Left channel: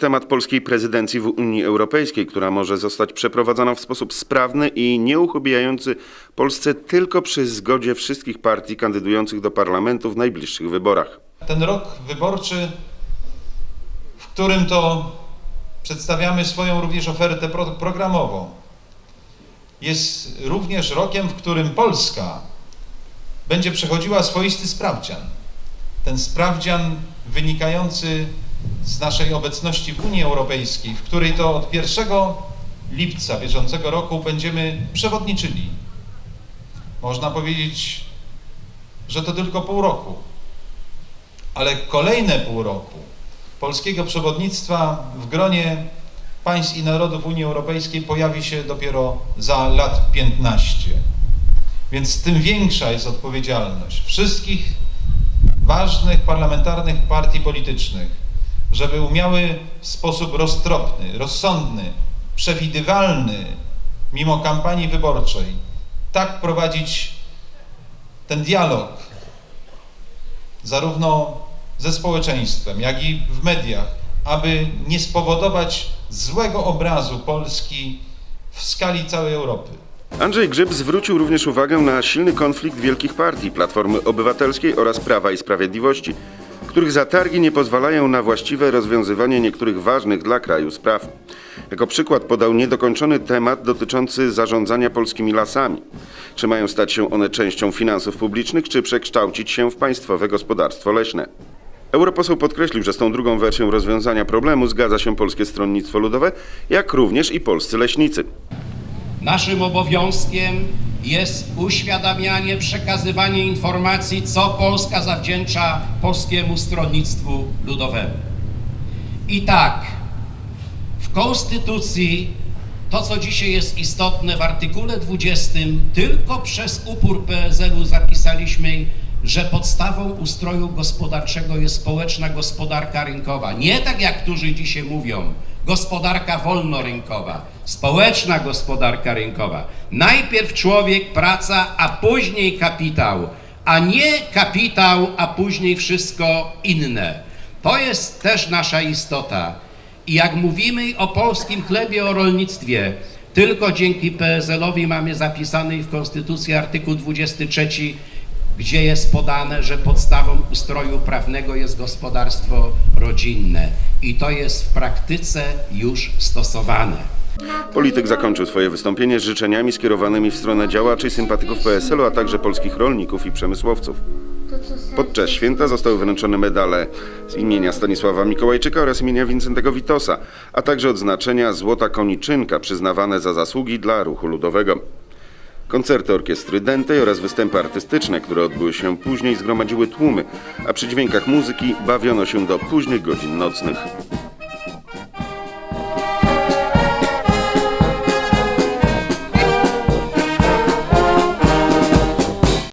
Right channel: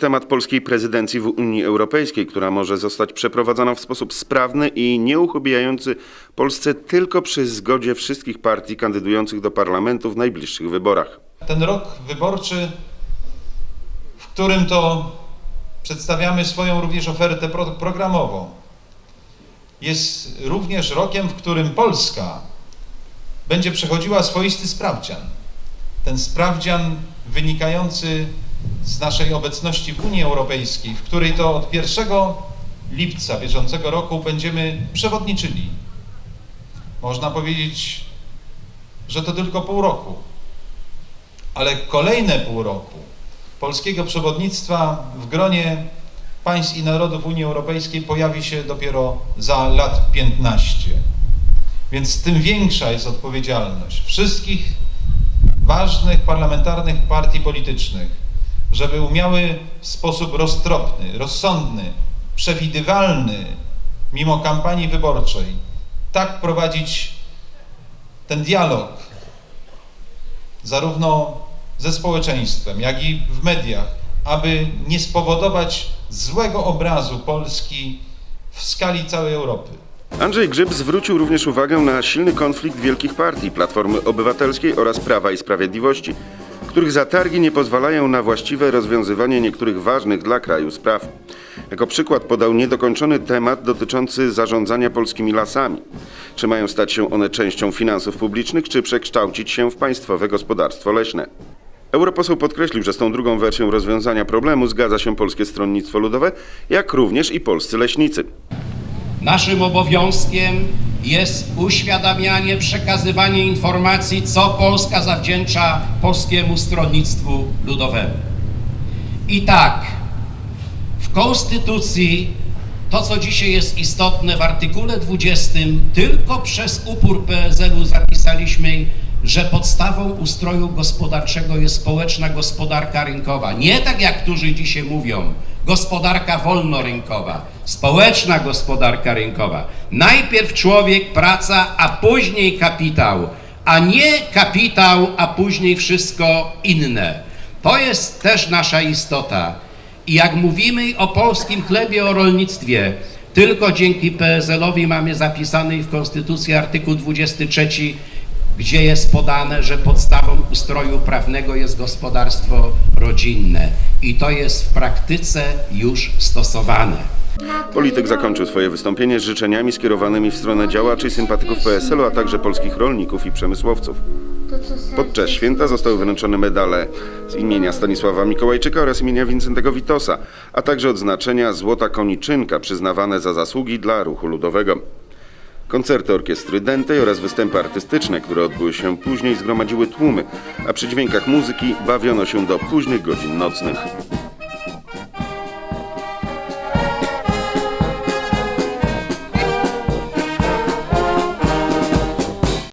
temat w Unii Europejskiej, który sprawny i tylko przy zgodzie dwóch partii kandydujących do parlamentu w wyborach. Ten rok wyborczy, w którym to przedstawiamy swoją również ofertę pro programową, jest również rokiem, w którym Polska będzie przechodziła swoisty sprawdzian. Ten sprawdzian wynikający z naszej obecności w Unii Europejskiej, w której to od 1 lipca bieżącego roku będziemy przewodniczyli. Można powiedzieć, że to tylko pół roku, ale kolejne pół roku polskiego przewodnictwa w gronie państw i narodów Unii Europejskiej pojawi się dopiero za lat 15. Więc tym większa jest odpowiedzialność wszystkich ważnych parlamentarnych partii politycznych, żeby umiały w sposób roztropny, rozsądny, przewidywalny, mimo kampanii wyborczej, tak prowadzić ten dialog, zarówno ze społeczeństwem, jak i w mediach, aby nie spowodować złego obrazu Polski w skali całej Europy. Naszym obowiązkiem jest uświadamianie, przekazywanie informacji, co Polska zawdzięcza Polskiemu Stronnictwu Ludowemu. I tak, w Konstytucji to, co dzisiaj jest istotne, w artykule 20 tylko przez upór PSL-u zapisaliśmy, że podstawą ustroju gospodarczego jest społeczna gospodarka rynkowa. Nie tak jak którzy dzisiaj mówią, gospodarka wolnorynkowa, społeczna gospodarka rynkowa. Najpierw człowiek, praca, a później kapitał, a nie kapitał, a później wszystko inne. To jest też nasza istota. I jak mówimy o polskim chlebie, o rolnictwie, tylko dzięki PSL-owi mamy zapisany w Konstytucji artykuł 23, gdzie jest podane, że podstawą ustroju prawnego jest gospodarstwo rodzinne. I to jest w praktyce już stosowane. Na tej roli młodej duszy pieśni grały. To, co serce smuci, boli.